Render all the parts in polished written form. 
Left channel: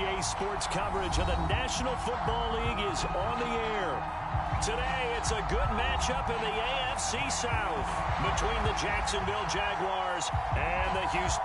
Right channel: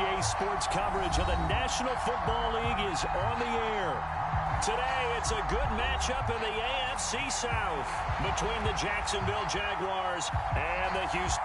EA Sports coverage of the National Football League is on the air. Today, it's a good matchup in the AFC South between the Jacksonville Jaguars and the Houston.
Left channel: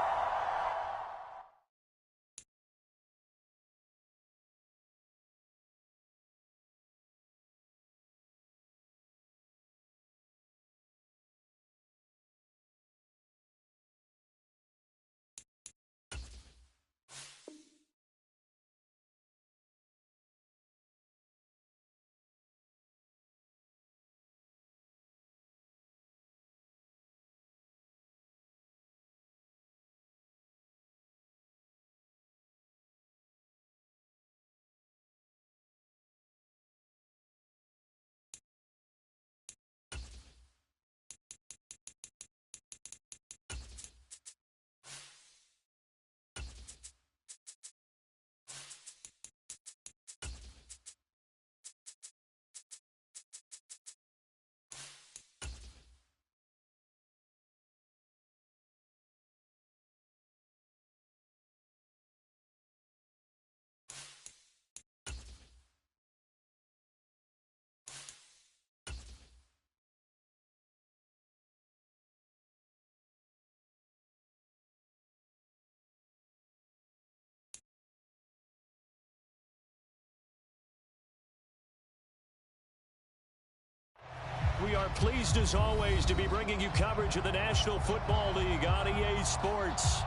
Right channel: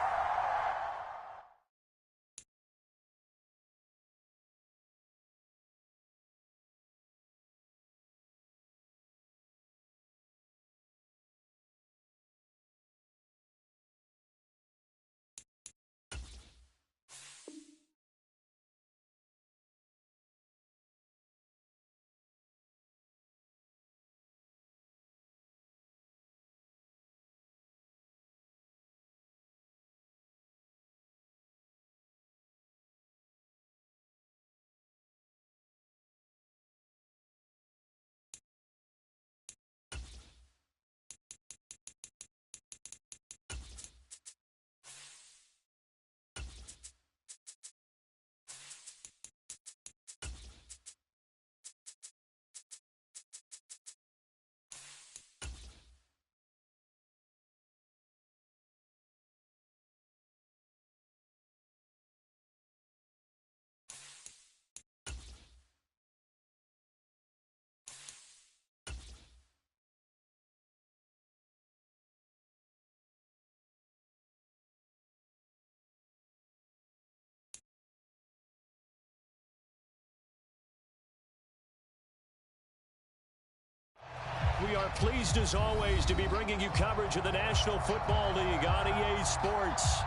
We are pleased, as always, to be bringing you coverage of the National Football League on EA Sports.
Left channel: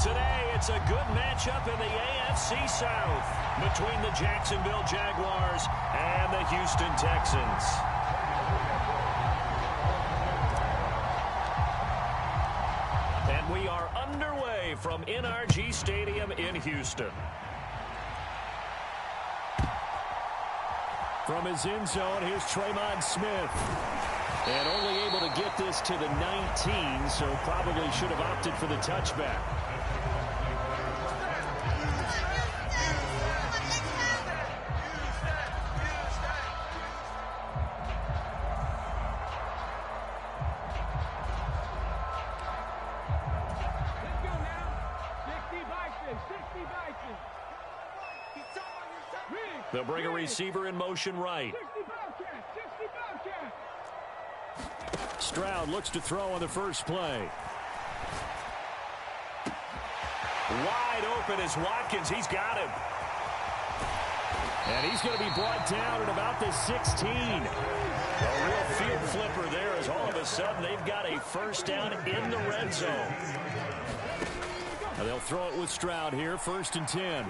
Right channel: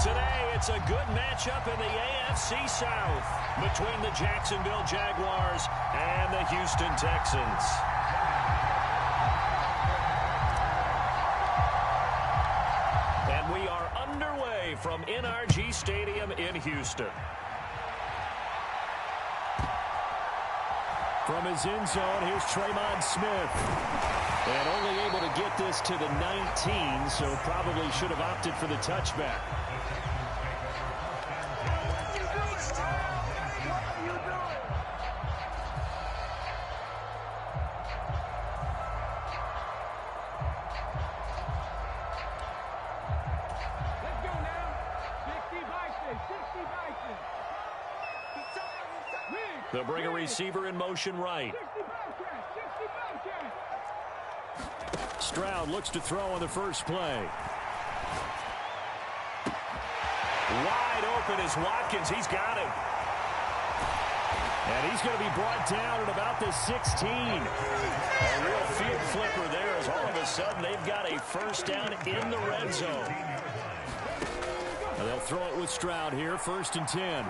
Today, it's a good matchup in the AFC South between the Jacksonville Jaguars and the Houston Texans. And we are underway from NRG Stadium in Houston. From his end zone, here's Tremon Smith. And only able to get this to the 19, so probably should have opted for the touchback. Let's go now. 60 Bison, 60 Bison. They'll bring a receiver in motion right. 60 Bobcats, 60 Bobcats. Stroud looks to throw on the first play. Wide open is Watkins. He's got him. And he's going to be brought down at about the 16. A real field flipper there, as all of a sudden they've got a first down in the red zone. And they'll throw it with Stroud here, 1st and 10.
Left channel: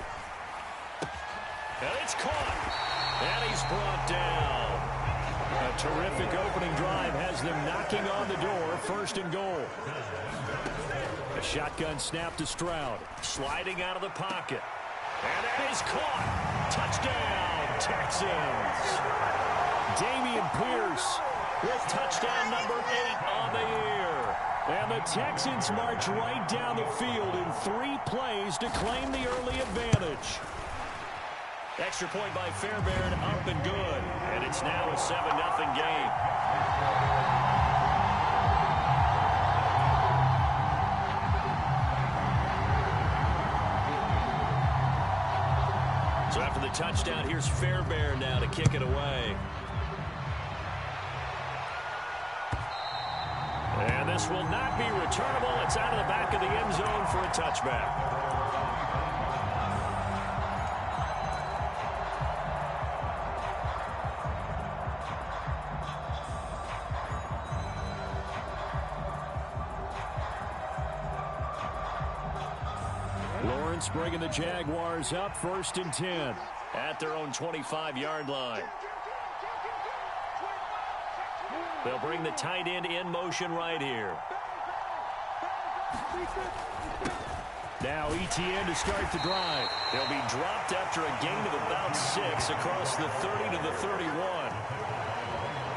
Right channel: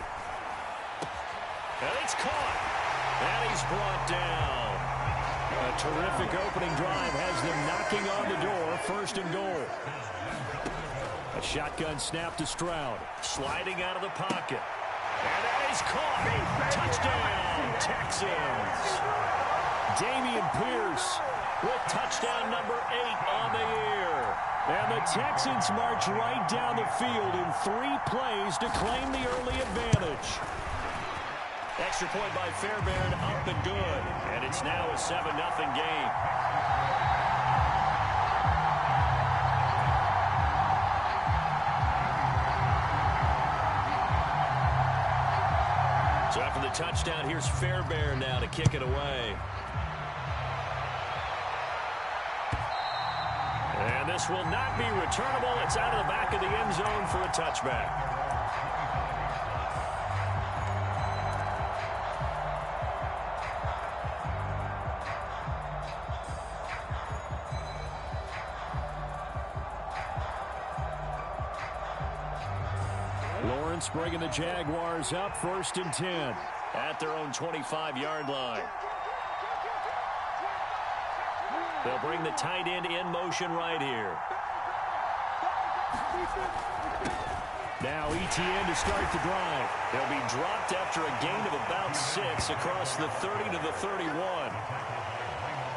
And it's caught. And he's brought down. A terrific opening drive has them knocking on the door, 1st and goal. A shotgun snap to Stroud. Sliding out of the pocket. And that is caught. Touchdown, Texans. Dameon Pierce with touchdown number 8 on the year. And the Texans march right down the field in 3 plays to claim the early advantage. Extra point by Fairbairn, up and good. And it's now a 7-0 game. So after the touchdown, here's Fairbairn now to kick it away. And this will not be returnable. It's out of the back of the end zone for a touchback. Lawrence bringing the Jaguars up, 1st and 10 at their own 25-yard line. They'll bring the tight end in motion right here. Now ETN to start the drive. They'll be dropped after a gain of about 6 across the 30 to the 31.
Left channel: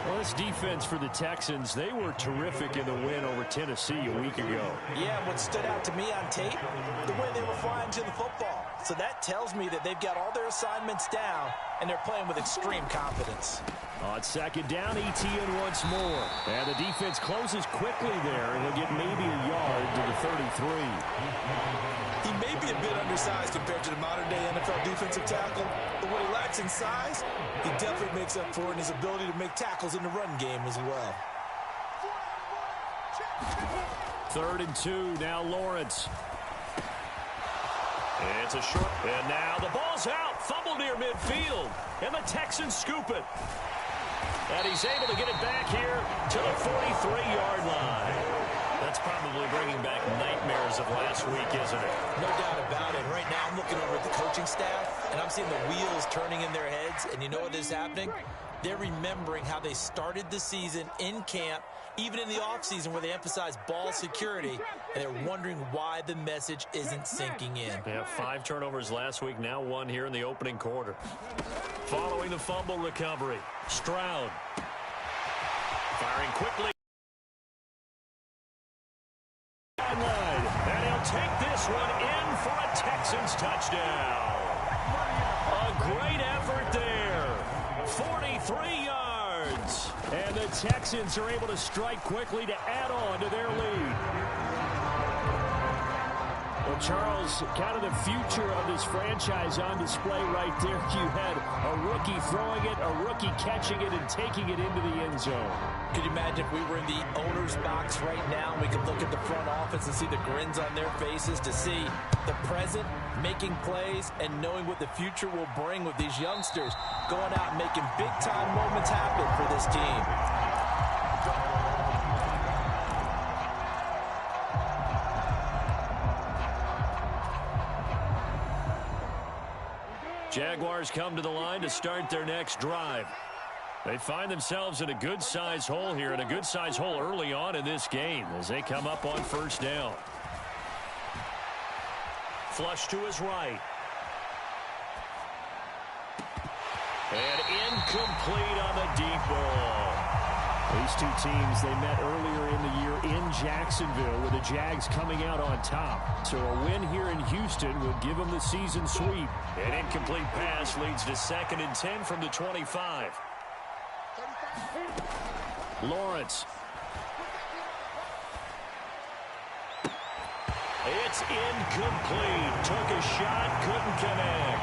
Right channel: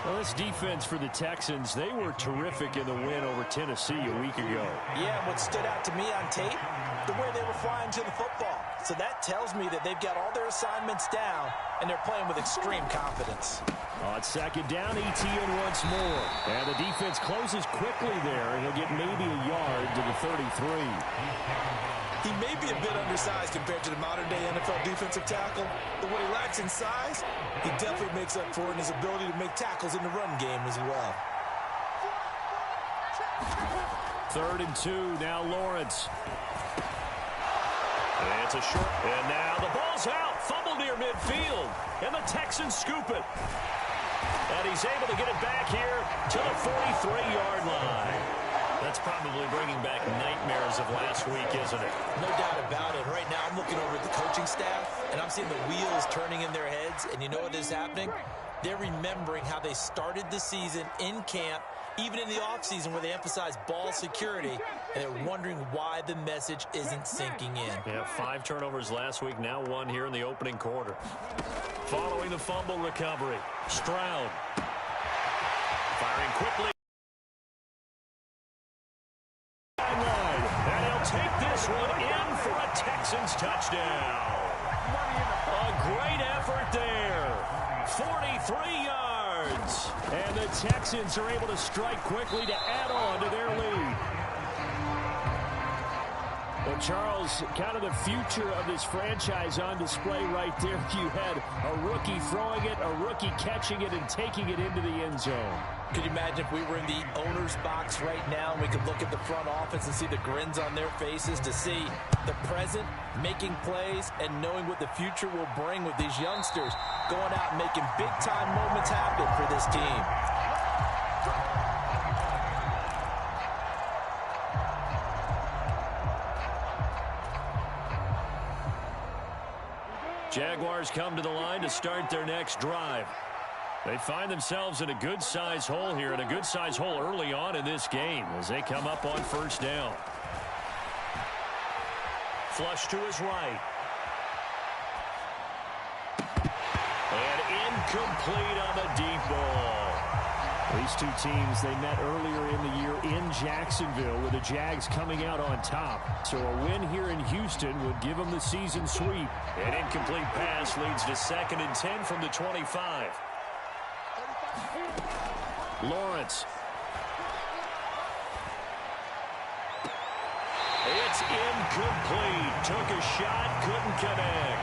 Well, this defense for the Texans, they were terrific in the win over Tennessee a week ago. Yeah, and what stood out to me on tape, the way they were flying to the football. So that tells me that they've got all their assignments down, and they're playing with extreme confidence. On second down, Etienne once more. And the defense closes quickly there, and he'll get maybe a yard to the 33. He may be a bit undersized compared to the modern-day NFL defensive tackle, but what he lacks in size, he definitely makes up for in his ability to make tackles in the run game as well. 3rd and 2, now Lawrence. It's a short, and now the ball's out. Fumble near midfield, and the Texans scoop it. And he's able to get it back here to the 43-yard line. That's probably bringing back nightmares of last week, isn't it? No doubt about it. Right now, I'm looking over at the coaching staff, and I'm seeing the wheels turning in their heads. And you know what is happening? They're remembering how they started the season in camp, even in the offseason where they emphasized ball security, and they're wondering why the message isn't sinking in. Yeah, 5 turnovers last week, now 1 here in the opening quarter. Following the fumble recovery, Stroud firing quickly. And he'll take this one in for a Texans touchdown. A great effort there. 43 yards. And the Texans are able to strike quickly to add on to their lead. Well, Charles, kind of the future of this franchise on display right there. You had a rookie throwing it, a rookie catching it, and taking it into the end zone. Could you imagine if we were in the owner's box right now and we could look at the front office and see the grins on their faces, to see the present making plays and knowing what the future will bring with these youngsters going out and making big-time moments happen for this team. Jaguars come to the line to start their next drive. They find themselves in a good-sized hole here, and a good-sized hole early on in this game as they come up on 1st down. Flush to his right. And incomplete on the deep ball. These two teams, they met earlier in the year in Jacksonville with the Jags coming out on top. So a win here in Houston would give them the season sweep. An incomplete pass leads to 2nd and 10 from the 25. Lawrence. It's incomplete. Took a shot, couldn't connect.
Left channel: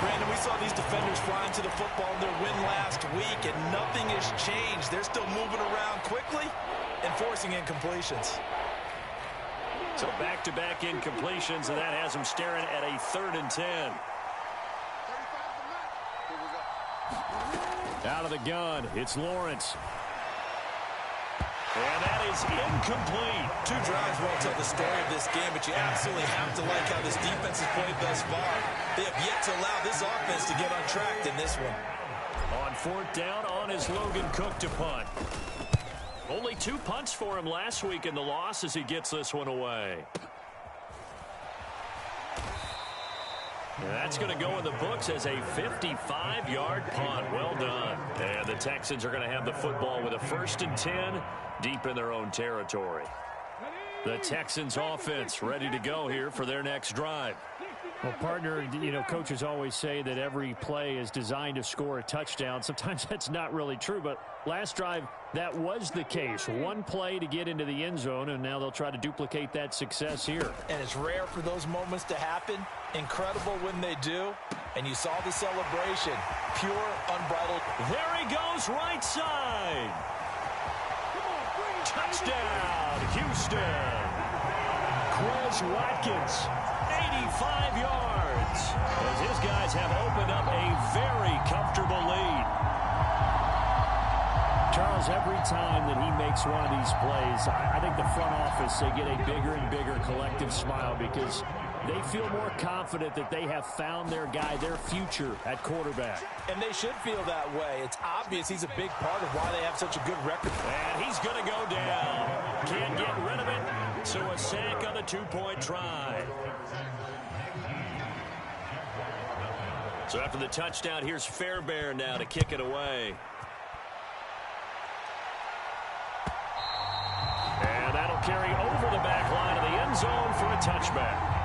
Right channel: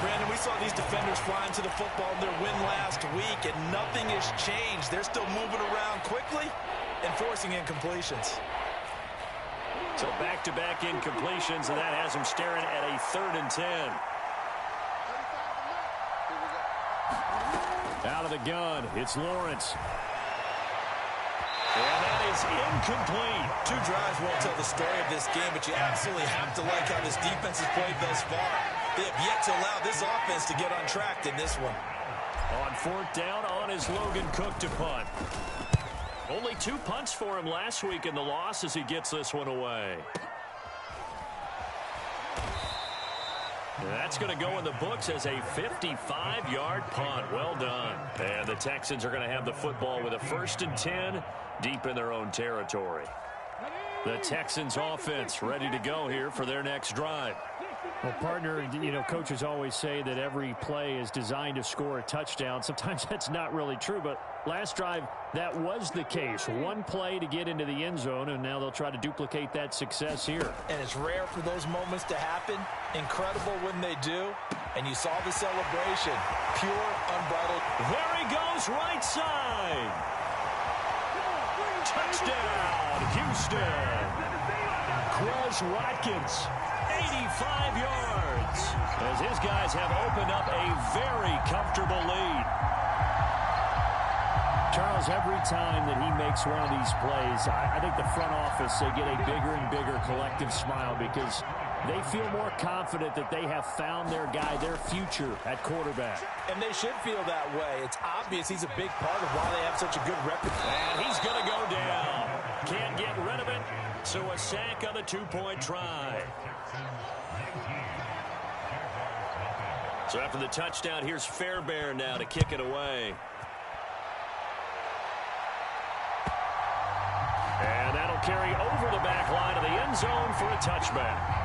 Brandon, we saw these defenders flying to the football in their win last week, and nothing has changed. They're still moving around quickly and forcing incompletions. So back-to-back incompletions, and that has them staring at a 3rd and 10. Out of the gun, it's Lawrence. And that is incomplete. 2 drives won't tell the story of this game, but you absolutely have to like how this defense has played thus far. They have yet to allow this offense to get untracked in this one. On 4th down, on is Logan Cook to punt. Only 2 punts for him last week in the loss as he gets this one away. And that's going to go in the books as a 55-yard punt. Well done. And the Texans are going to have the football with a 1st and 10 deep in their own territory. The Texans offense ready to go here for their next drive. Well, partner, you know, coaches always say that every play is designed to score a touchdown. Sometimes that's not really true, but last drive, that was the case. 1 play to get into the end zone, and now they'll try to duplicate that success here. And it's rare for those moments to happen. Incredible when they do. And you saw the celebration. Pure, unbridled. There he goes, right side. Touchdown, Houston. Quez Watkins, 85 yards, as his guys have opened up a very comfortable lead. Charles, every time that he makes one of these plays, I think the front office, they get a bigger and bigger collective smile because they feel more confident that they have found their guy, their future at quarterback. And they should feel that way. It's obvious he's a big part of why they have such a good record. And he's going to go down. Can't get rid of it, so a sack on the 2-point try. So after the touchdown, here's Fairbairn now to kick it away. He'll carry over the back line of the end zone for a touchback.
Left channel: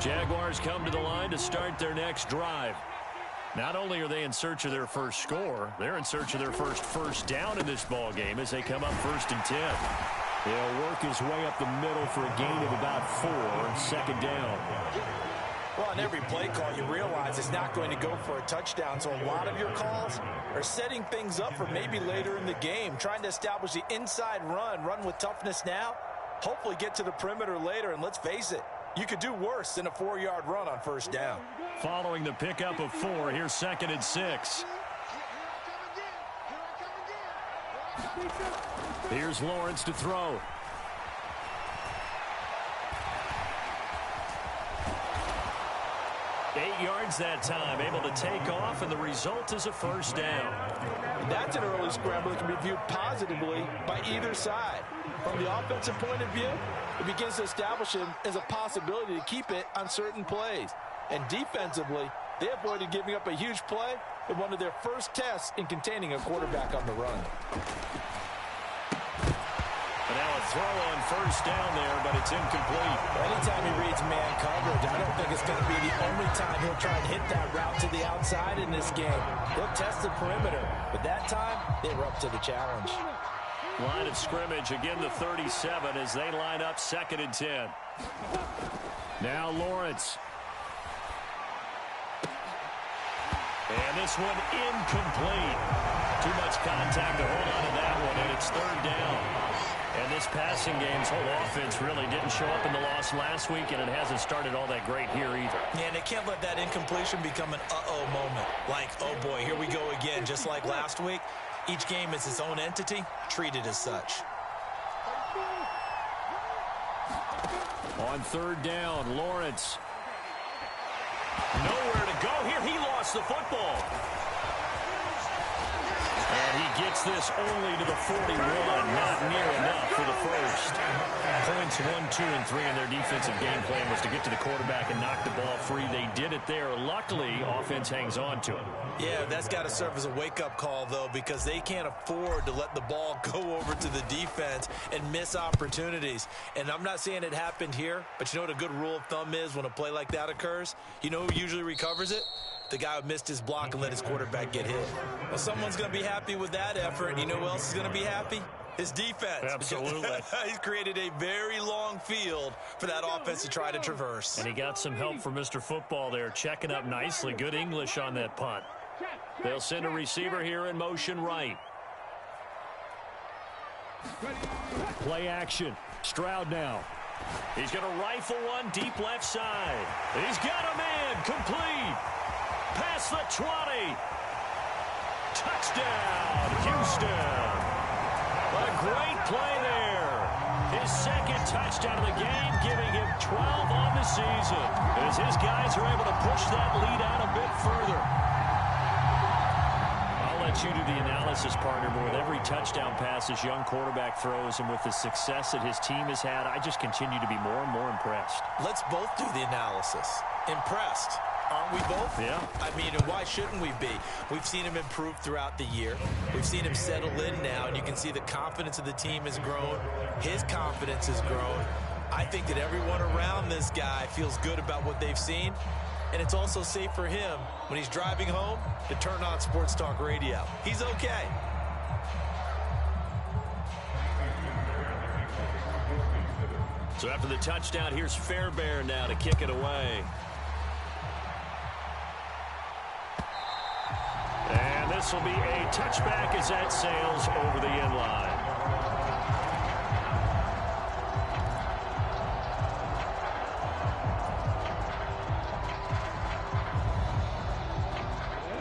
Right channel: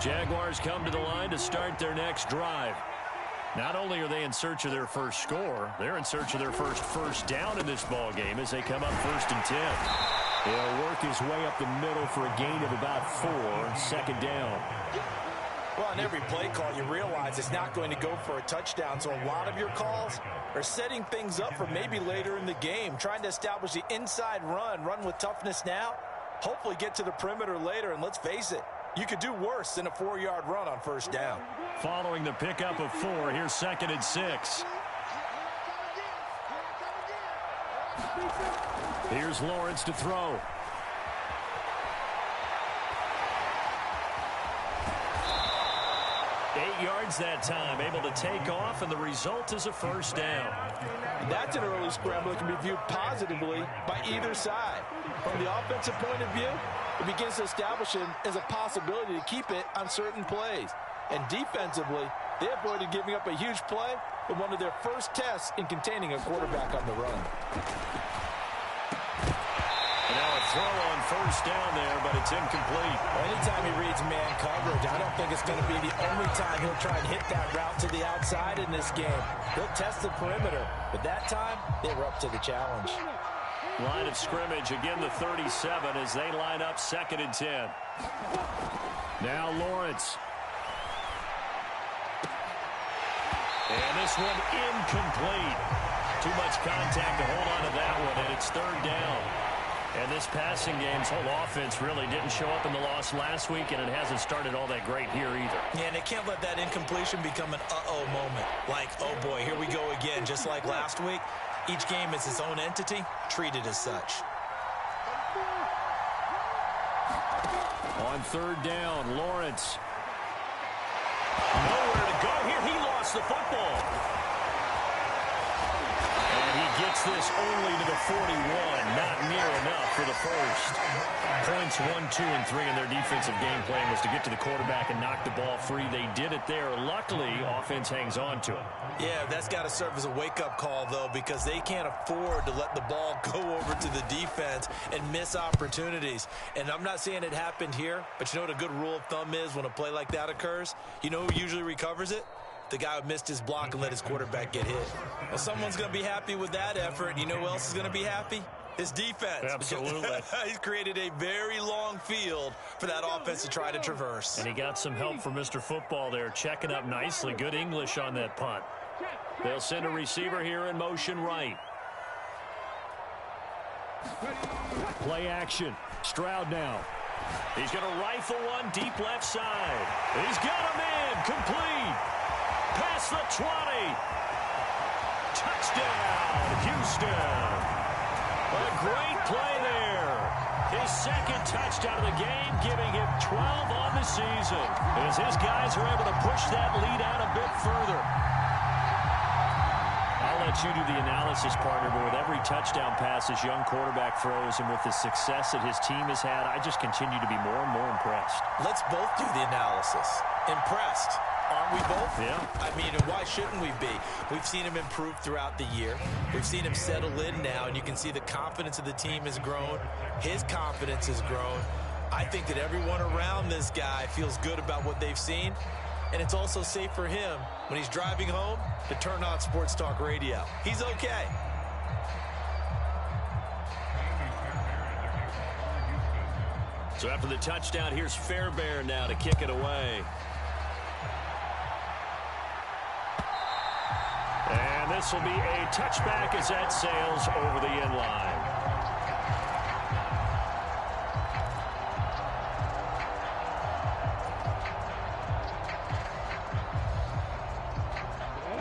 Jaguars come to the line to start their next drive. Not only are they in search of their first score, they're in search of their first down in this ball game as they come up 1st and 10. He'll work his way up the middle for a gain of about 4, 2nd down. Well, on every play call, you realize it's not going to go for a touchdown, so a lot of your calls are setting things up for maybe later in the game, trying to establish the inside run with toughness now, hopefully get to the perimeter later, and let's face it, you could do worse than a 4-yard run on 1st down. Following the pickup of 4, here's 2nd and 6. Here's Lawrence to throw. Eight yards that time, able to take off, and the result is a 1st down. That's an early scramble that can be viewed positively by either side. From the offensive point of view, it begins to establish him as a possibility to keep it on certain plays. And defensively, they avoided giving up a huge play in one of their first tests in containing a quarterback on the run. And now a throw on 1st down there, but it's incomplete. Well, anytime he reads man coverage, I don't think it's going to be the only time he'll try and hit that route to the outside in this game. He'll test the perimeter, but that time, they were up to the challenge. Line of scrimmage, again the 37 as they line up 2nd and 10. Now Lawrence. And this one incomplete. Too much contact to hold on to that one, and it's 3rd down. And this passing game's whole offense really didn't show up in the loss last week, and it hasn't started all that great here either. Yeah, and they can't let that incompletion become an uh-oh moment. Like, oh boy, here we go again, just like last week. Each game is its own entity, treated as such. On 3rd down, Lawrence. Nowhere to go here. He lost the football. And he gets this only to the 41. Not near enough for the 1st. Points 1, 2, and 3 in their defensive game plan was to get to the quarterback and knock the ball free. They did it there. Luckily, offense hangs on to it. Yeah, that's got to serve as a wake-up call, though, because they can't afford to let the ball go over to the defense and miss opportunities. And I'm not saying it happened here, but you know what a good rule of thumb is when a play like that occurs? You know who usually recovers it? The guy who missed his block and let his quarterback get hit. Well, someone's going to be happy with that effort. You know who else is going to be happy? His defense. Absolutely. He's created a very long field for that offense to try to traverse. And he got some help from Mr. Football there, checking up nicely. Good English on that punt. They'll send a receiver here in motion right. Play action. Stroud now. He's going to rifle one deep left side. He's got a man. Complete. Past the 20. Touchdown, Houston. A great play there. His 2nd touchdown of the game, giving him 12 on the season, as his guys are able to push that lead out a bit further. I'll let you do the analysis, partner, but with every touchdown pass this young quarterback throws and with the success that his team has had, I just continue to be more and more impressed. Let's both do the analysis. Impressed. Aren't we both? Yeah. I mean, and why shouldn't we be? We've seen him improve throughout the year. We've seen him settle in now, and you can see the confidence of the team has grown. His confidence has grown. I think that everyone around this guy feels good about what they've seen, and it's also safe for him when he's driving home to turn on Sports Talk Radio. He's okay. So after the touchdown, here's Fairbairn now to kick it away. And this will be a touchback as that sails over the end line.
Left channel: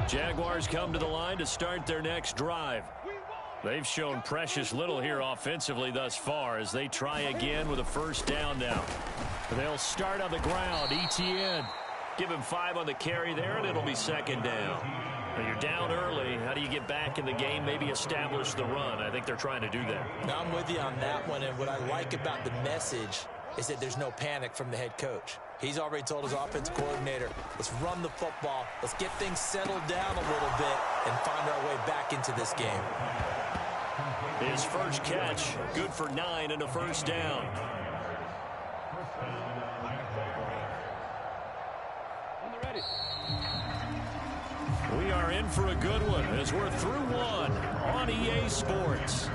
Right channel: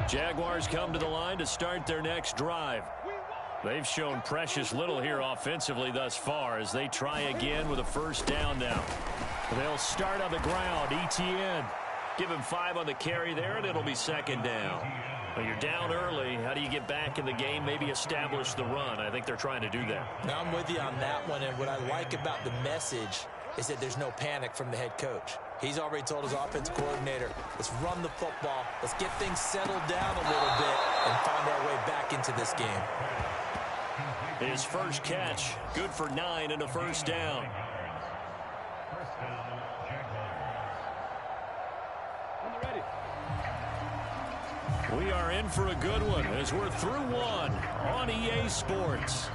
Jaguars come to the line to start their next drive. They've shown precious little here offensively thus far as they try again with a 1st down now. They'll start on the ground. Etienne. Give him 5 on the carry there, and it'll be 2nd down. Well, you're down early. How do you get back in the game, maybe establish the run? I think they're trying to do that. Now I'm with you on that one, and what I like about the message is that there's no panic from the head coach. He's already told his offensive coordinator, let's run the football, let's get things settled down a little bit and find our way back into this game. His first catch, good for 9 and a first down. On the ready. We are in for a good one as we're through one on EA Sports.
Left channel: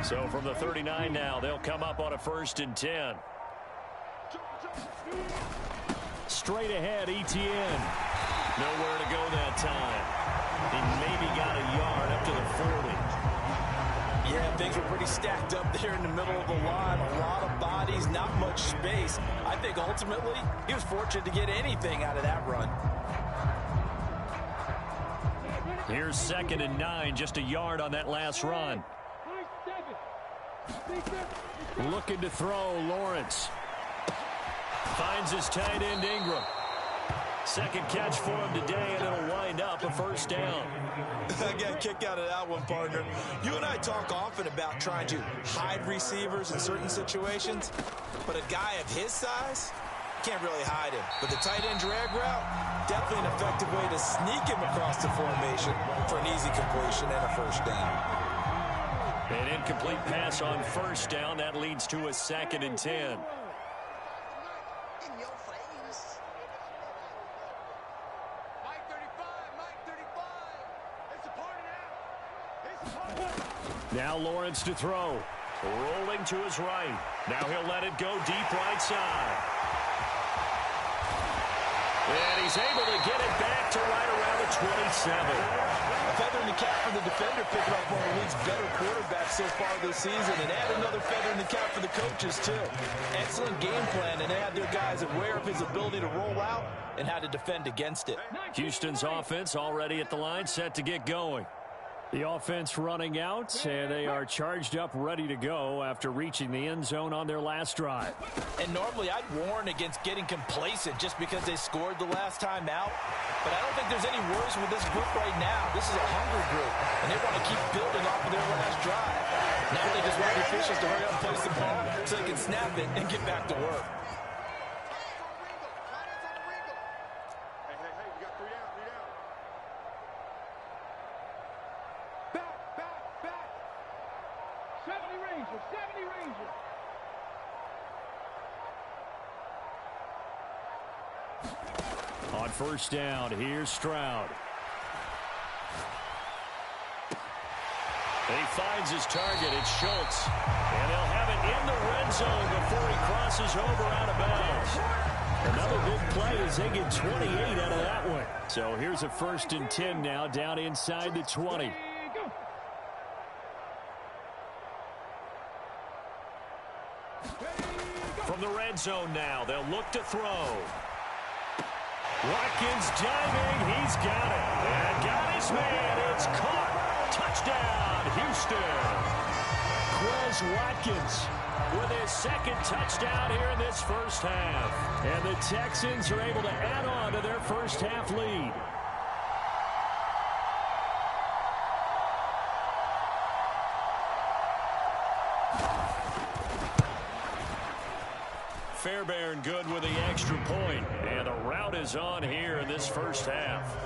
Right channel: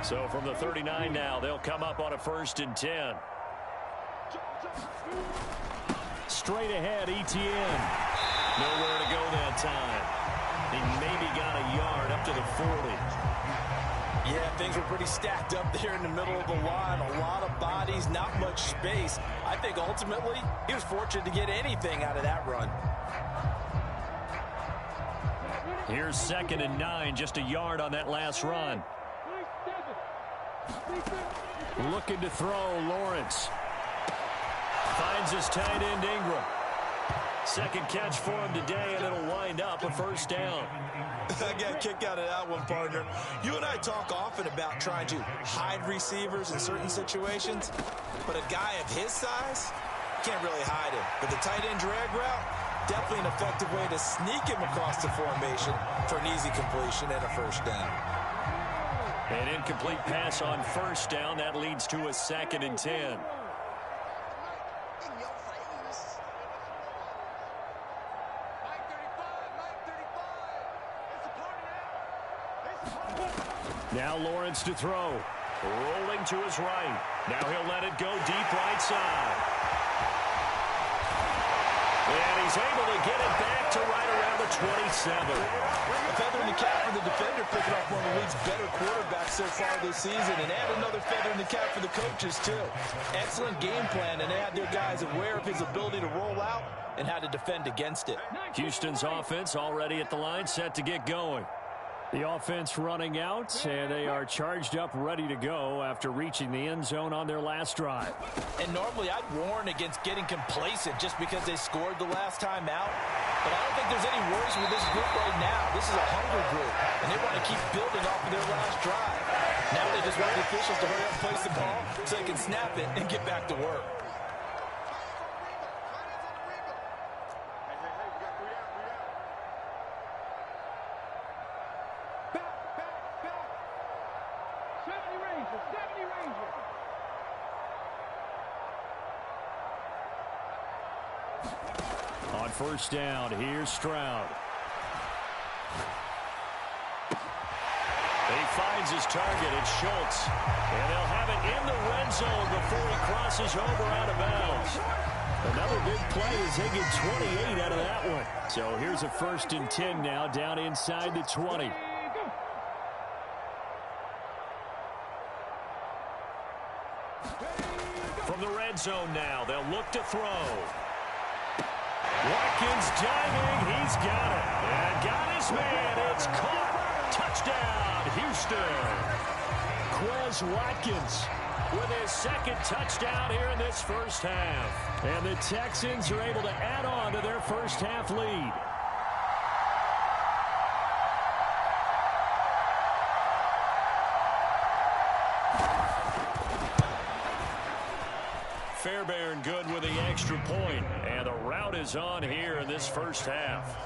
So from the 39 now, they'll come up on a 1st and 10. Straight ahead, Etienne. Nowhere to go that time. He maybe got a yard up to the 40. Yeah, things were pretty stacked up there in the middle of the line. A lot of bodies, not much space. I think ultimately he was fortunate to get anything out of that run. Here's 2nd and 9, just a yard on that last run. Looking to throw, Lawrence. Finds his tight end, Ingram. Second catch for him today, and it'll wind up a 1st down. I got a kick out of that one, partner. You and I talk often about trying to hide receivers in certain situations, but a guy of his size can't really hide him. But the tight end drag route, definitely an effective way to sneak him across the formation for an easy completion and a 1st down. An incomplete pass on 1st down. That leads to a 2nd and 10. Now Lawrence to throw. Rolling to his right. Now he'll let it go deep right side. And he's able to get it back to right around the 27. A feather in the cap for the defender, picking up one of the league's better quarterbacks so far this season, and add another feather in the cap for the coaches, too. Excellent game plan, and they had their guys aware of his ability to roll out and how to defend against it. Houston's offense already at the line, set to get going. The offense running out, and they are charged up, ready to go after reaching the end zone on their last drive. And normally I'd warn against getting complacent just because they scored the last time out. But I don't think there's any worries with this group right now. This is a hungry group, and they want to keep building off of their last drive. Now they just want the officials to hurry up and place the ball so they can snap it and get back to work. On 1st down, here's Stroud. He finds his target. It's Schultz. And they'll have it in the red zone before he crosses over out of bounds. Another big play as they get 28 out of that one. So here's a 1st and 10 now down inside the 20. From the red zone now, they'll look to throw. Watkins diving. He's got it. And got his man. It's caught. Touchdown, Houston. Quez Watkins with his 2nd touchdown here in this 1st half. And the Texans are able to add on to their 1st half lead. Fairbairn good with the extra point, and the route is on here in this 1st half.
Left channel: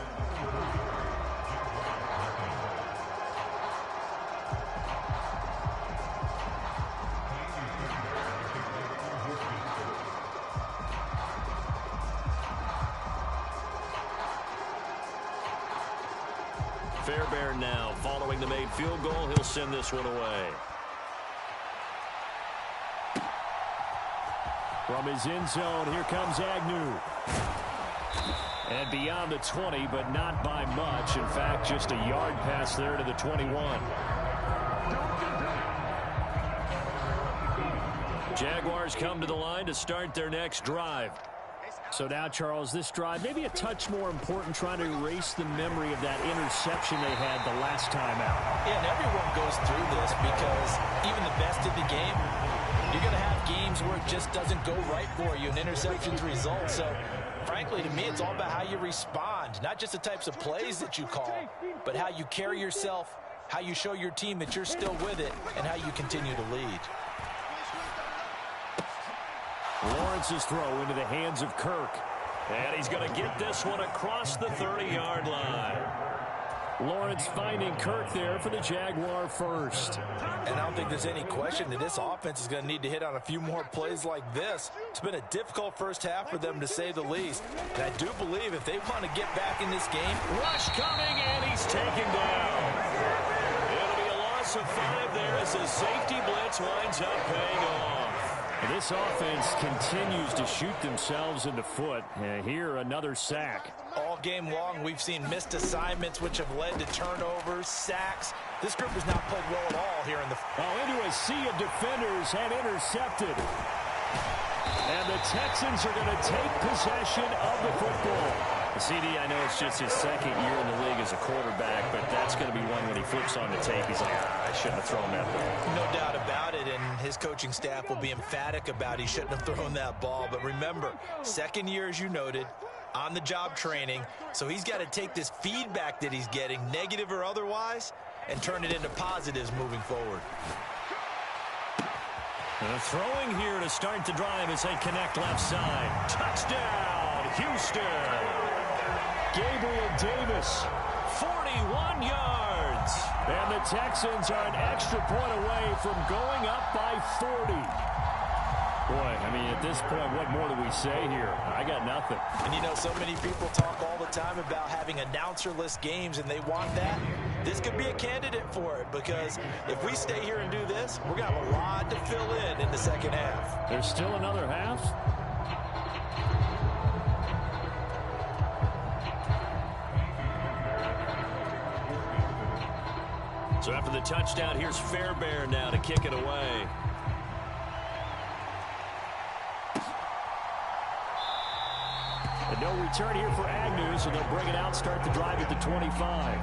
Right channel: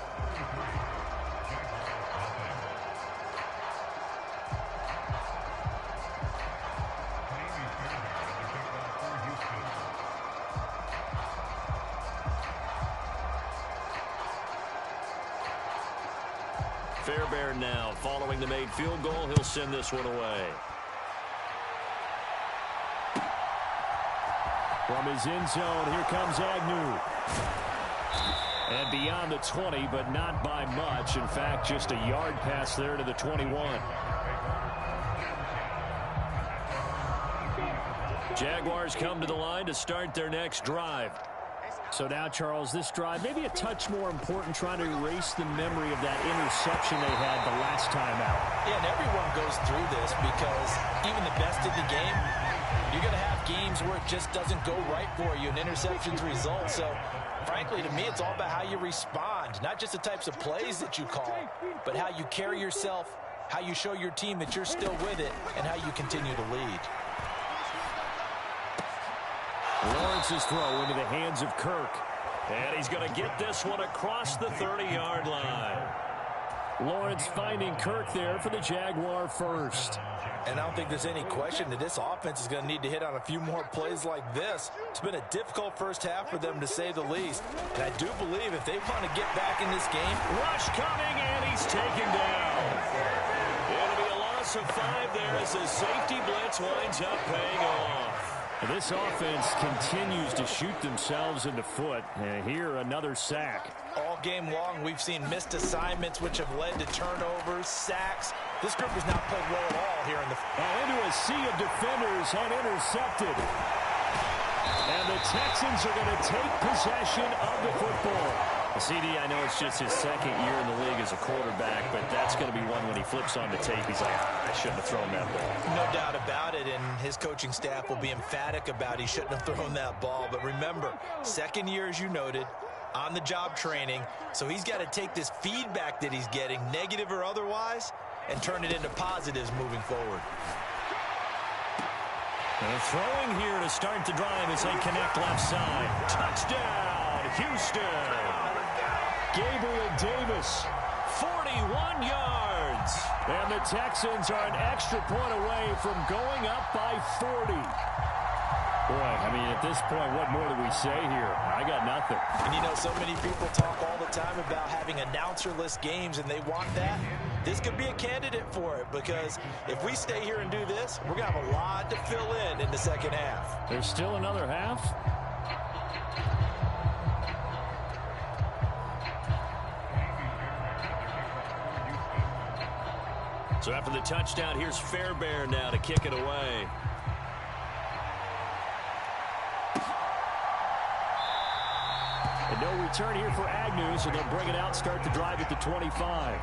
Fairbairn now following the made field goal. He'll send this one away. From his end zone, here comes Agnew. And beyond the 20, but not by much. In fact, just a yard pass there to the 21. Jaguars come to the line to start their next drive. So now, Charles, this drive maybe a touch more important, trying to erase the memory of that interception they had the last time out. Yeah, and everyone goes through this because even the best in the game, you're going to have games where it just doesn't go right for you, and interceptions result. So, frankly, to me, it's all about how you respond, not just the types of plays that you call, but how you carry yourself, how you show your team that you're still with it, and how you continue to lead. Lawrence's throw into the hands of Kirk. And he's going to get this one across the 30-yard line. Lawrence finding Kirk there for the Jaguar first. And I don't think there's any question that this offense is going to need to hit on a few more plays like this. It's been a difficult first half for them, to say the least. And I do believe if they want to get back in this game. Rush coming, and he's taken down. It'll be a loss of 5 there as the safety blitz winds up paying off. This offense continues to shoot themselves in the foot. Here, another sack. All game long, we've seen missed assignments, which have led to turnovers, sacks. This group has not played well at all here in the... into a sea of defenders and intercepted. And the Texans are going to take possession of the football. CD, I know it's just his second year in the league as a quarterback, but that's going to be one when he flips on the tape. He's like, I shouldn't have thrown that ball. No doubt about it, and his coaching staff will be emphatic about he shouldn't have thrown that ball. But remember, second year, as you noted, on-the-job training, so he's got to take this feedback that he's getting, negative or otherwise, and turn it into positives moving forward. Throwing here to start the drive as they connect left side. Touchdown, Houston. Gabriel Davis, 41 yards. And the Texans are an extra point away from going up by 40. Boy, I mean, at this point, what more do we say here? I got nothing. And, you know, so many people talk all the time about having announcer-less games, and they want that. This could be a candidate for it, because if we stay here and do this, we're going to have a lot to fill in the second half. There's still another half? So after the touchdown, here's Fairbairn now to kick it away. And no return here for Agnew, so they'll bring it out, start the drive at the 25.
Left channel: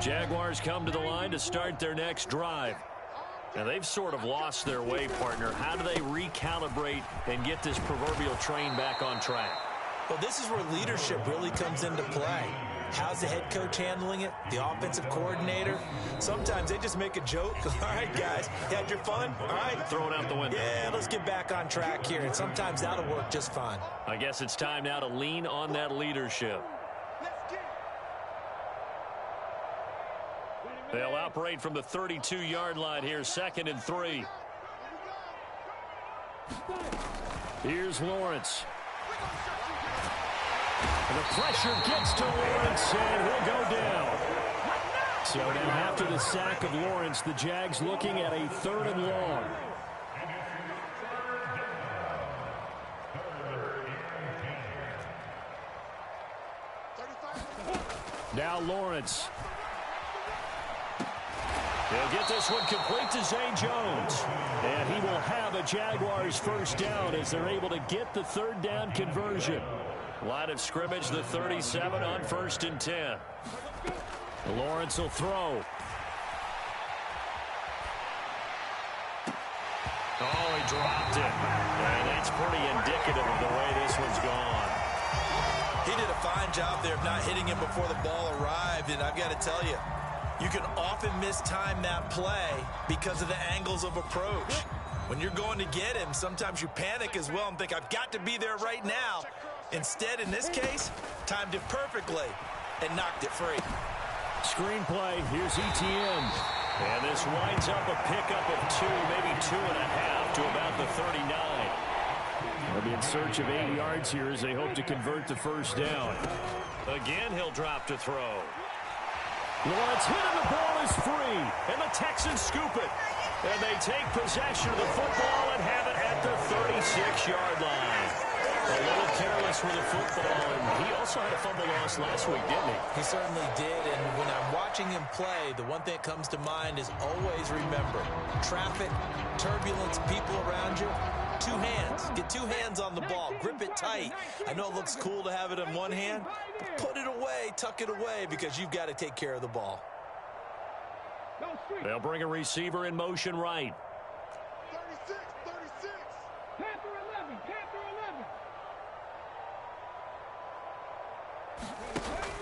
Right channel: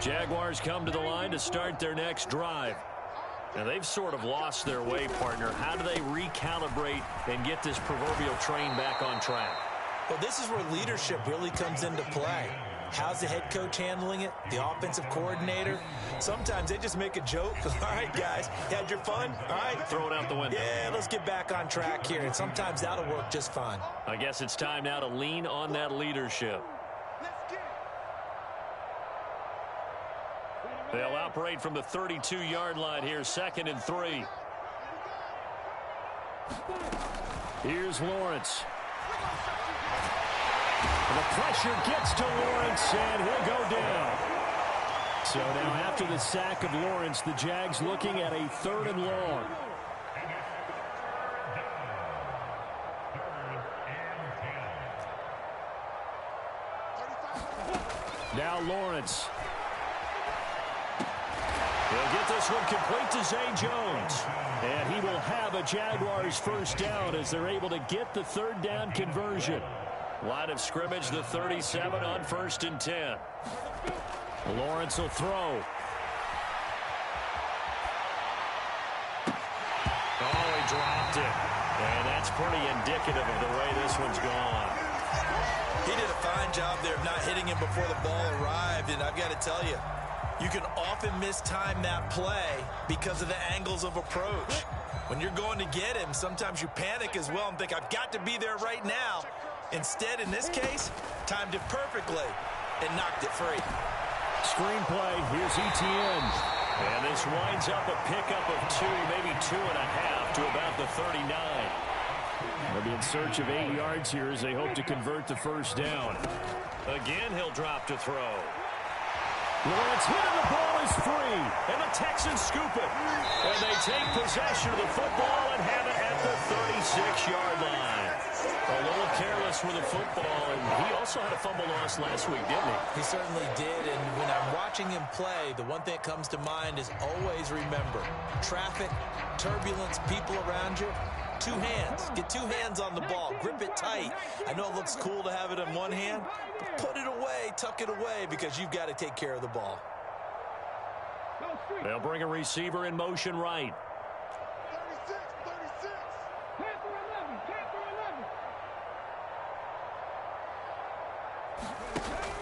Jaguars come to the line to start their next drive. Now, they've sort of lost their way, partner. How do they recalibrate and get this proverbial train back on track? Well, this is where leadership really comes into play. How's the head coach handling it? The offensive coordinator? Sometimes they just make a joke. All right, guys, you had your fun? All right. Throw it out the window. Yeah, let's get back on track here. And sometimes that'll work just fine. I guess it's time now to lean on that leadership. They'll operate from the 32-yard line here, 2nd and 3. Here's Lawrence. And the pressure gets to Lawrence, and he'll go down. So now after the sack of Lawrence, the Jags looking at a 3rd and long. Now Lawrence. He'll get this one complete to Zay Jones. And he will have a Jaguars first down as they're able to get the 3rd down conversion. Line of scrimmage, the 37 on 1st and 10. Lawrence will throw. Oh, he dropped it. And that's pretty indicative of the way this one's gone. He did a fine job there of not hitting him before the ball arrived. And I've got to tell you, you can often mistime that play because of the angles of approach. When you're going to get him, sometimes you panic as well and think, I've got to be there right now. Instead, in this case, timed it perfectly and knocked it free. Screenplay, here's Etienne. And this winds up a pickup of 2, maybe 2.5 to about the 39. They'll be in search of 8 yards here as they hope to convert the first down. Again, he'll drop to throw. Lawrence hit and the ball is free. And the Texans scoop it. And they take possession of the football and have it at the 36-yard line. A little careless with the football, and he also had a fumble loss last week, didn't he? He certainly did, and when I'm watching him play, the one thing that comes to mind is always remember, traffic, turbulence, people around you, 2 hands. Get 2 hands on the ball. Grip it tight. I know it looks cool to have it in one hand, but put it away, tuck it away, because you've got to take care of the ball. They'll bring a receiver in motion right. 36. Panther 11.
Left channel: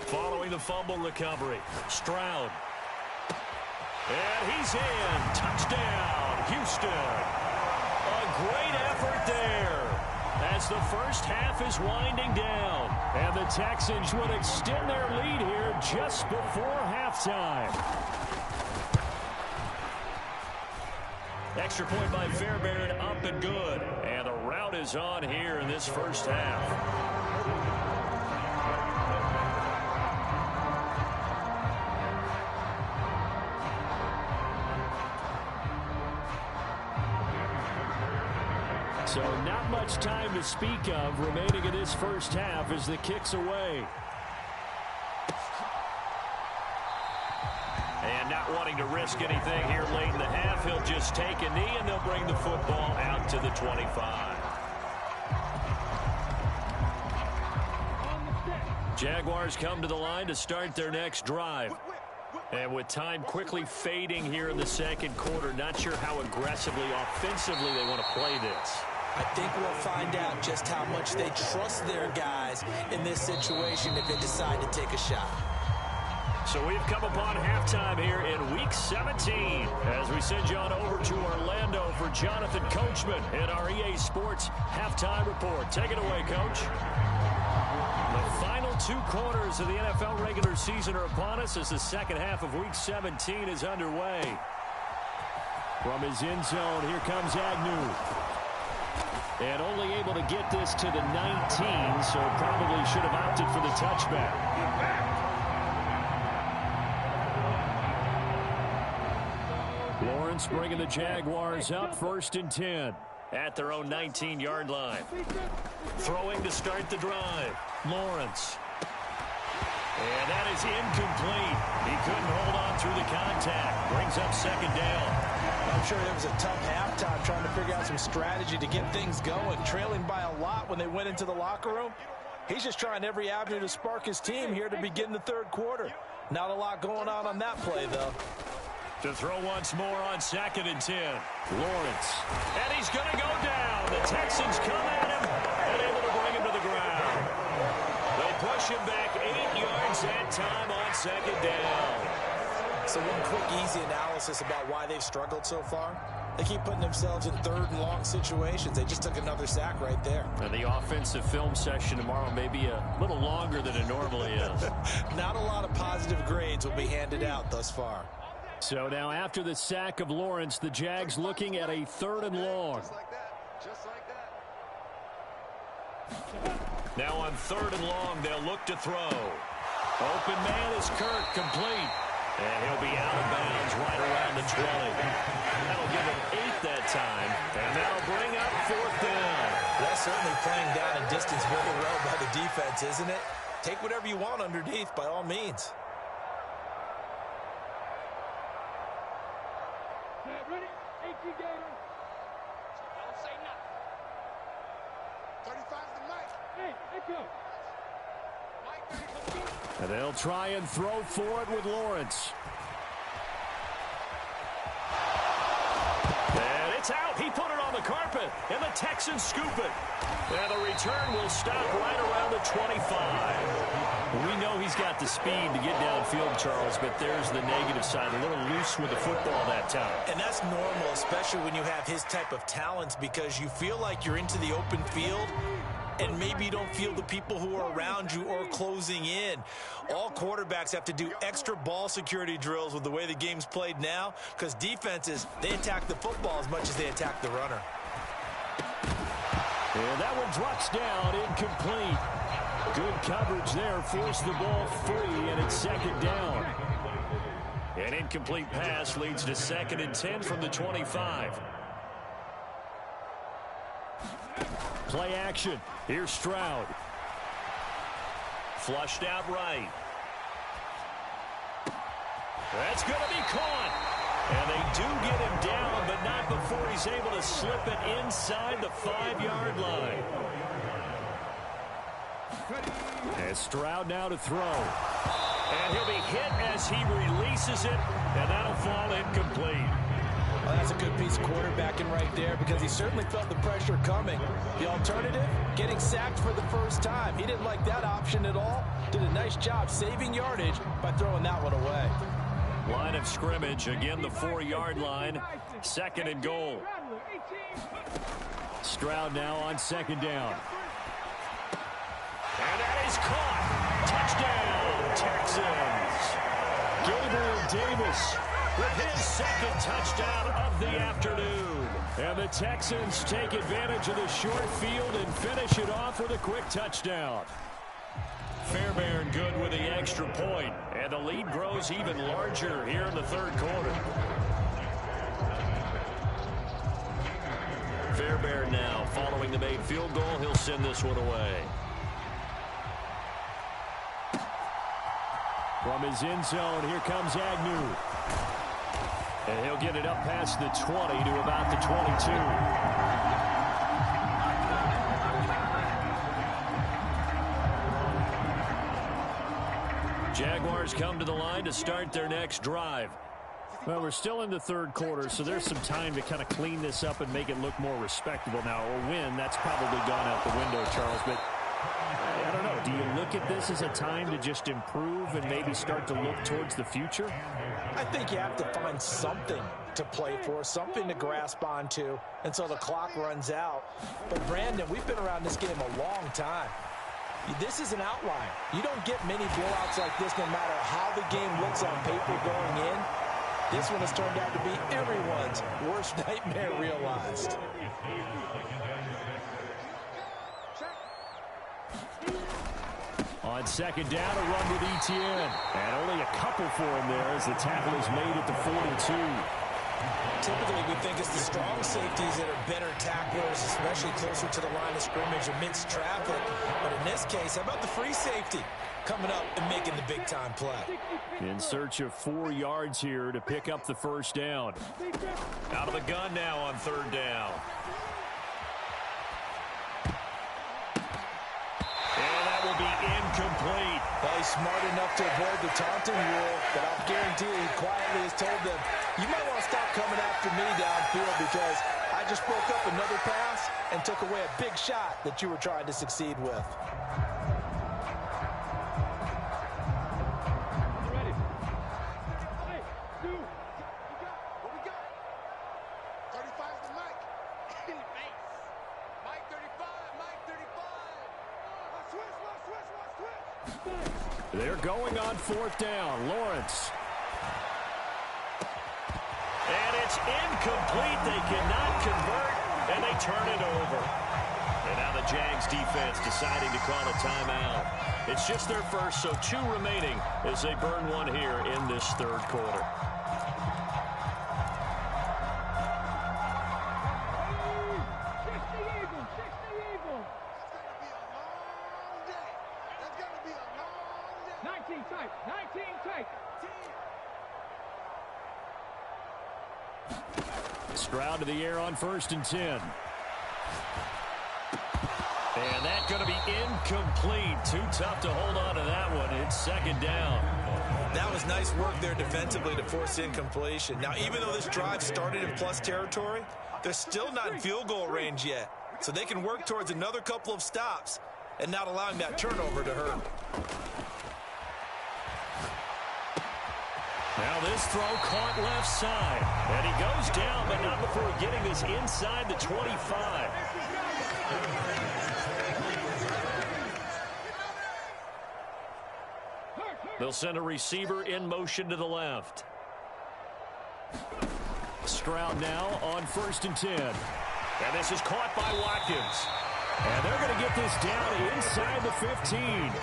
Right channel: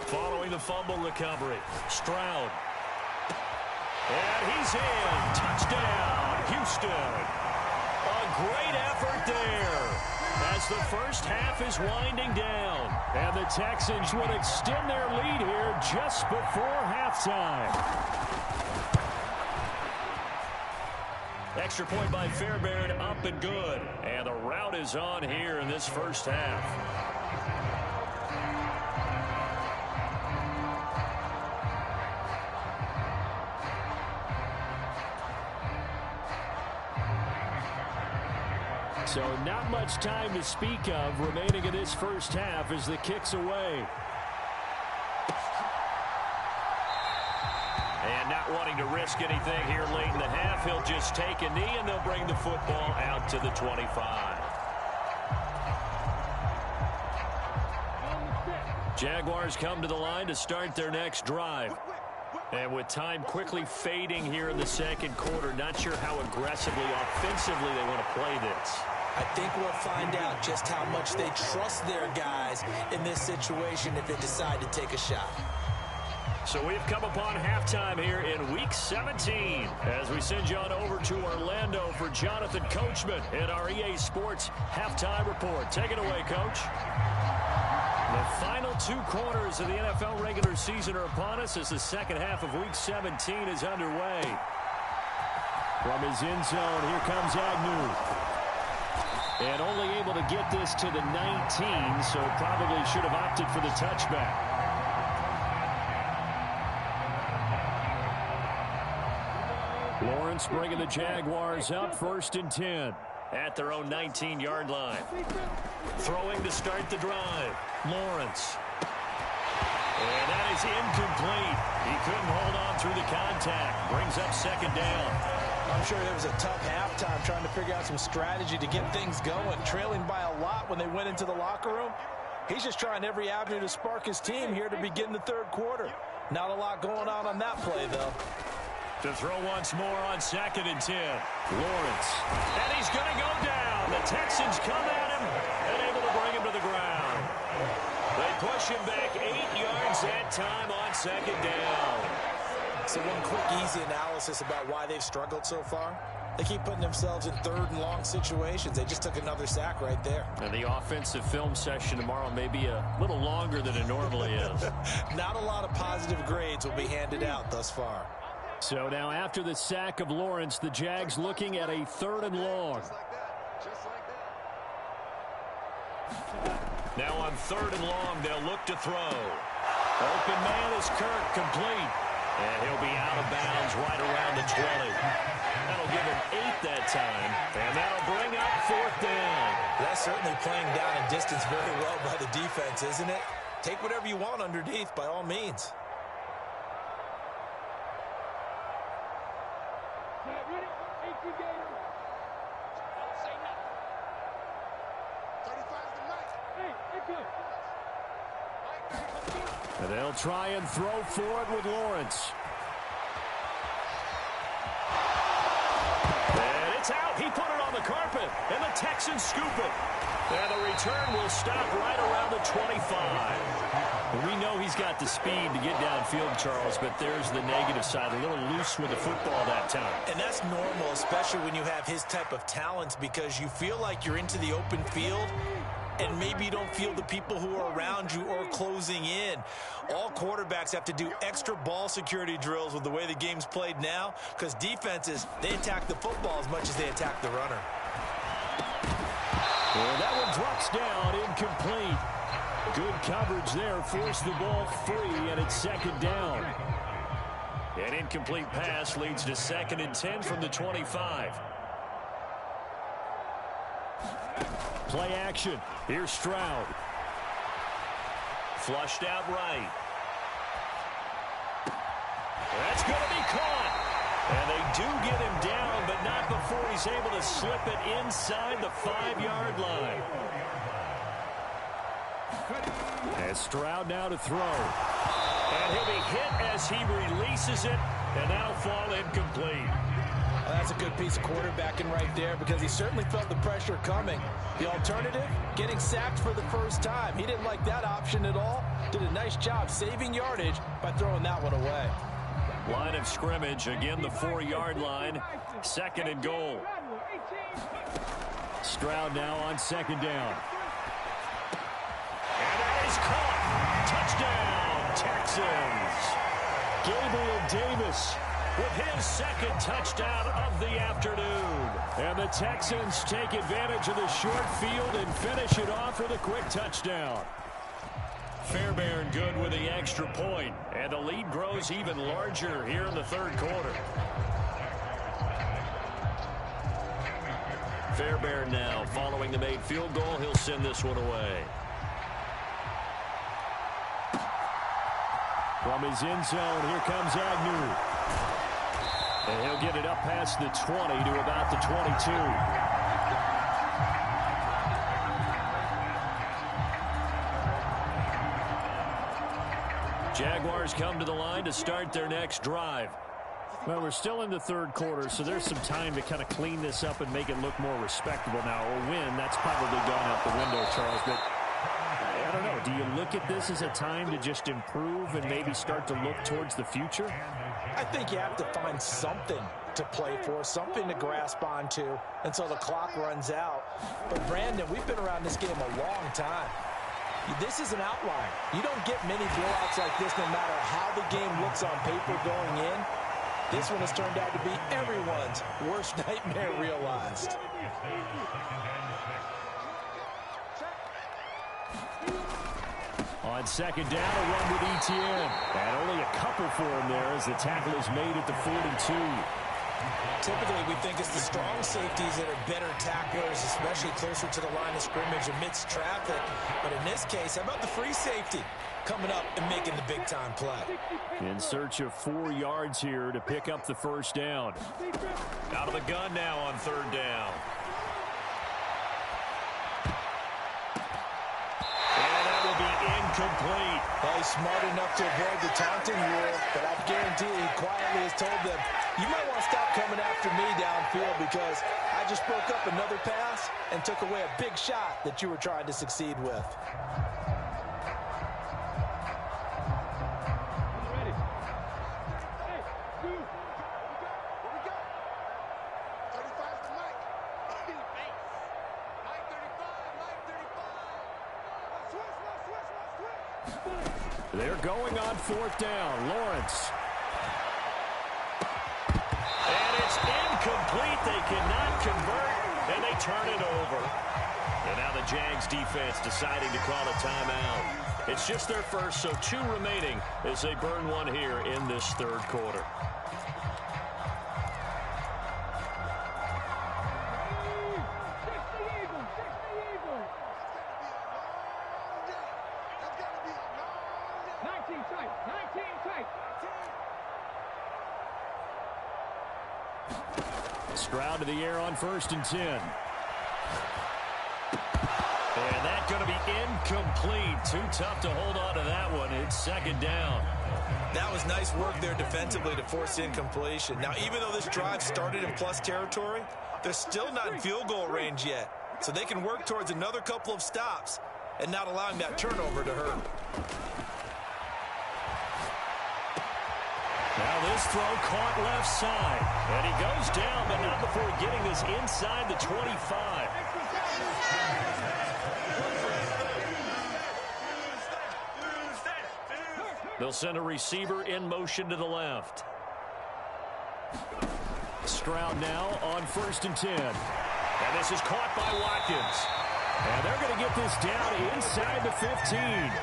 Following the fumble recovery, Stroud. And he's in. Touchdown, Houston. A great effort there as the first half is winding down. And the Texans would extend their lead here just before halftime. Extra point by Fairbairn, up and good. And the route is on here in this first half. So not much time to speak of remaining in this first half as the kick's away. And not wanting to risk anything here late in the half, he'll just take a knee and they'll bring the football out to the 25. Jaguars come to the line to start their next drive. And with time quickly fading here in the second quarter, not sure how aggressively, offensively they want to play this. I think we'll find out just how much they trust their guys in this situation if they decide to take a shot. So we've come upon halftime here in Week 17 as we send you on over to Orlando for Jonathan Coachman in our EA Sports Halftime Report. Take it away, Coach. The final 2 quarters of the NFL regular season are upon us as the second half of Week 17 is underway. From his end zone, here comes Agnew. And only able to get this to the 19, so probably should have opted for the touchback. Lawrence bringing the Jaguars up 1st and 10 at their own 19-yard line. Throwing to start the drive. Lawrence. And that is incomplete. He couldn't hold on through the contact. Brings up 2nd down. I'm sure it was a tough halftime trying to figure out some strategy to get things going. Trailing by a lot when they went into the locker room. He's just trying every avenue to spark his team here to begin the 3rd quarter. Not a lot going on that play, though. To throw once more on 2nd and 10. Lawrence. And he's going to go down. The Texans come at him and able to bring him to the ground. They push him back 8 yards that time on 2nd down. So one quick, easy analysis about why they've struggled so far. They keep putting themselves in 3rd and long situations. They just took another sack right there. And the offensive film session tomorrow may be a little longer than it normally is. Not a lot of positive grades will be handed out thus far. So now after the sack of Lawrence, the Jags looking at a 3rd and long. Just like that. Now on 3rd and long, they'll look to throw. Open man is Kirk, complete. And he'll be out of bounds right around the 20. That'll give him 8 that time. And that'll bring up 4th down. That's certainly playing down in distance very well by the defense, isn't it? Take whatever you want underneath by all means. Ready? 18 Gator. Don't say nothing. 35's the mic. Hey, echo. And they'll try and throw for it with Lawrence. And it's out. He put it on the carpet. And the Texans scoop it. And the return will stop right around the 25. We know he's got the speed to get downfield, Charles, but there's the negative side. A little loose with the football that time. And that's normal, especially when you have his type of talents, because you feel like you're into the open field. and maybe you don't feel the people who are around you or closing in. All quarterbacks have to do extra ball security drills with the way the game's played now, because defenses, they attack the football as much as they attack the runner. And that one drops down, incomplete. Good coverage there, forced the ball free, and it's second down. An incomplete pass leads to 2nd and 10 from the 25. Play action. Here's Stroud. Flushed out right. That's going to be caught. And they do get him down, but not before he's able to slip it inside the 5-yard line. And Stroud now to throw. And he'll be hit as he releases it, and that'll fall incomplete. Well, that's a good piece of quarterbacking right there, because he certainly felt the pressure coming. The alternative, getting sacked for the first time. He didn't like that option at all. Did a nice job saving yardage by throwing that one away. Line of scrimmage, again the 4-yard line. 2nd and goal. Stroud now on 2nd down. And that is caught. Touchdown, Texans. Gabriel Davis with his 2nd touchdown of the afternoon. And the Texans take advantage of the short field and finish it off with a quick touchdown. Fairbairn good with the extra point, and the lead grows even larger here in the 3rd quarter. Fairbairn now following the made field goal. He'll send this one away. From his end zone, here comes Agnew. And he'll get it up past the 20 to about the 22. Jaguars come to the line to start their next drive. Well, we're still in the 3rd quarter, so there's some time to kind of clean this up and make it look more respectable now. A win, that's probably gone out the window, Charles, but I don't know. Do you look at this as a time to just improve and maybe start to look towards the future? I think you have to find something to play for, something to grasp onto until the clock runs out. But, Brandon, we've been around this game a long time. This is an outlier. You don't get many blowouts like this no matter how the game looks on paper going in. This one has turned out to be everyone's worst nightmare realized. On 2nd down, a run with Etienne. And only a couple for him there as the tackle is made at the 42. Typically, we think it's the strong safeties that are better tacklers, especially closer to the line of scrimmage amidst traffic. But in this case, how about the free safety coming up and making the big-time play? In search of 4 yards here to pick up the 1st down. Out of the gun now on 3rd down. And that will be incomplete. Well, he's smart enough to avoid the taunting rule, but I'll guarantee he quietly has told them, you might want to stop coming after me downfield because I just broke up another pass and took away a big shot that you were trying to succeed with. I'm ready. Hey, dude. What we got? 35's the Mike. In your face. Mike 35, Mike 35. Switch. They're going on 4th down. Lawrence. And it's incomplete. They cannot convert, and they turn it over. And now the Jags defense deciding to call a timeout. It's just their first, so 2 remaining as they burn one here in this 3rd quarter. Stroud to the air on 1st and 10. And that's going to be incomplete. Too tough to hold on to that one. It's 2nd down. That was nice work there defensively to force incompletion. Now, even though this drive started in plus territory, they're still not in field goal range yet. So they can work towards another couple of stops and not allowing that turnover to hurt. Now this throw caught left side. And he goes down, but not before getting this inside the 25. They'll send a receiver in motion to the left. Stroud now on 1st and 10. And this is caught by Watkins. And they're going to get this down inside the 15.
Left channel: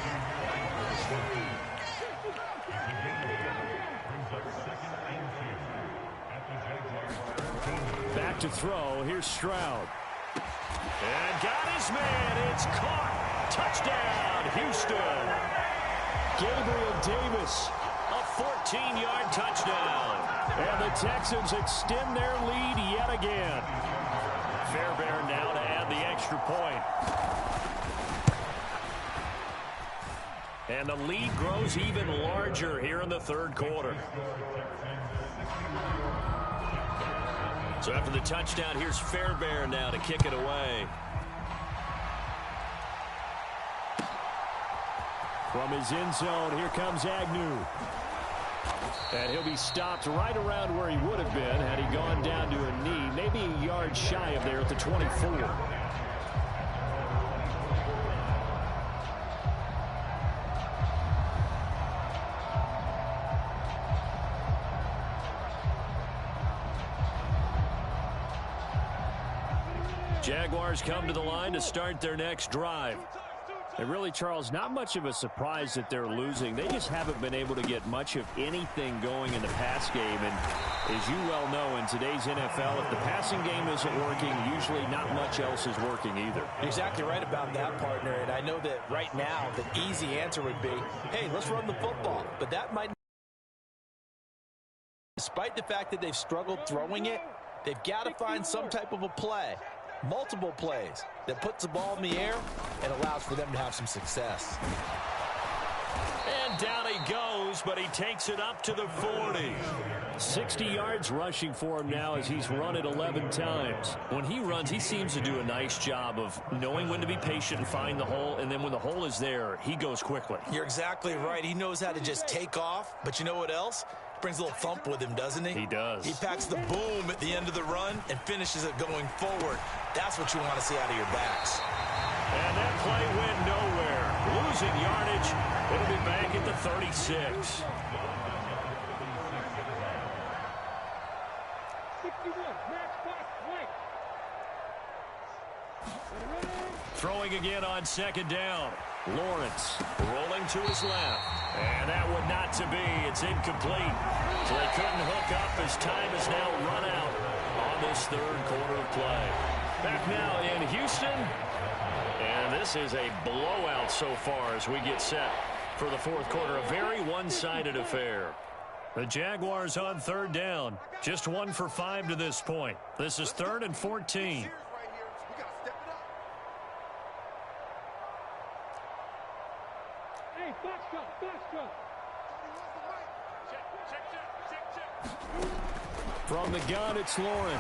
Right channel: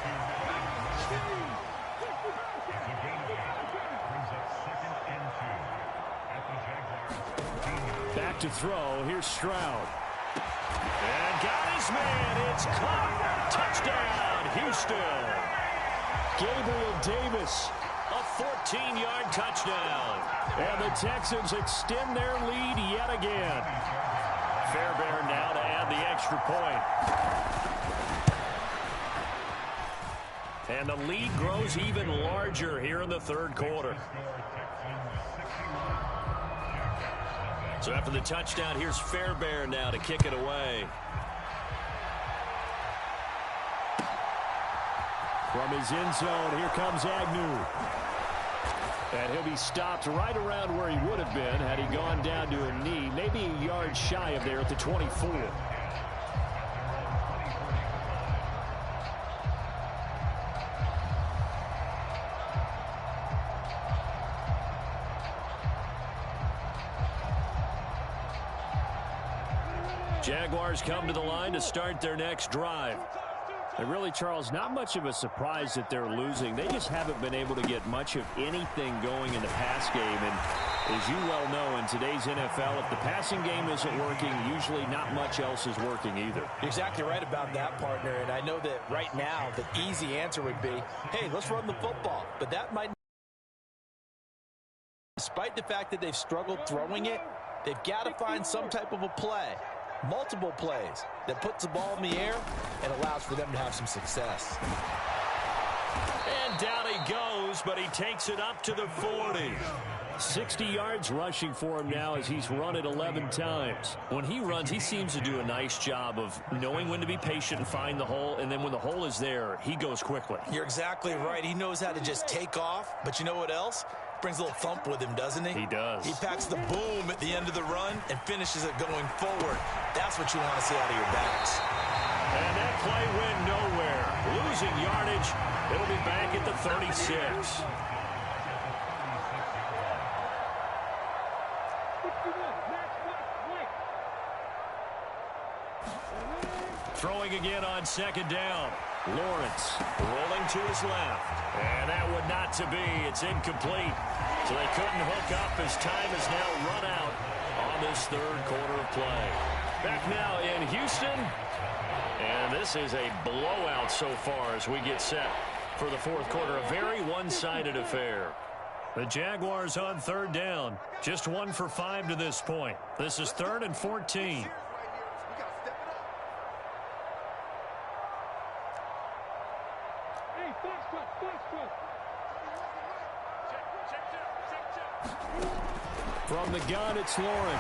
Back to throw. Here's Stroud. And got his man. It's caught. Touchdown, Houston. Gabriel Davis, a 14-yard touchdown. And the Texans extend their lead yet again. Fairbairn now to add the extra point. And the lead grows even larger here in the third quarter. So after the touchdown, here's Fairbairn now to kick it away. From his end zone, here comes Agnew. And he'll be stopped right around where he would have been had he gone down to a knee, maybe a yard shy of there at the 24. Jaguars come to the line to start their next drive. And really, Charles, not much of a surprise that they're losing. They just haven't been able to get much of anything going in the pass game. And as you well know, in today's NFL, if the passing game isn't working, usually not much else is working either. You're exactly right about that, partner. And I know that right now the easy answer would be, hey, let's run the football. But that might, despite the fact that they've struggled throwing it, they've got to find some type of a play. Multiple plays that puts the ball in the air and allows for them to have some success. And down he goes, but he takes it up to the 40. 60 yards rushing for him now as he's run it 11 times. When he runs, he seems to do a nice job of knowing when to be patient and find the hole, and then when the hole is there, he goes quickly. You're exactly right. He knows how to just take off, but you know what else? Brings a little thump with him, doesn't he? He does. He packs the boom at the end of the run and finishes it going forward. That's what you want to see out of your backs. And that play went nowhere. Losing yardage. It'll be back at the 36. Throwing again on 2nd down. Lawrence rolling to his left. And that would not to be. It's incomplete. So they couldn't hook up as time is now run out on this third quarter of play. Back now in Houston. And this is a blowout so far as we get set for the fourth quarter. A very one-sided affair. The Jaguars on 3rd down. Just 1 for 5 to this point. This is 3rd and 14. From the gun, it's Lawrence.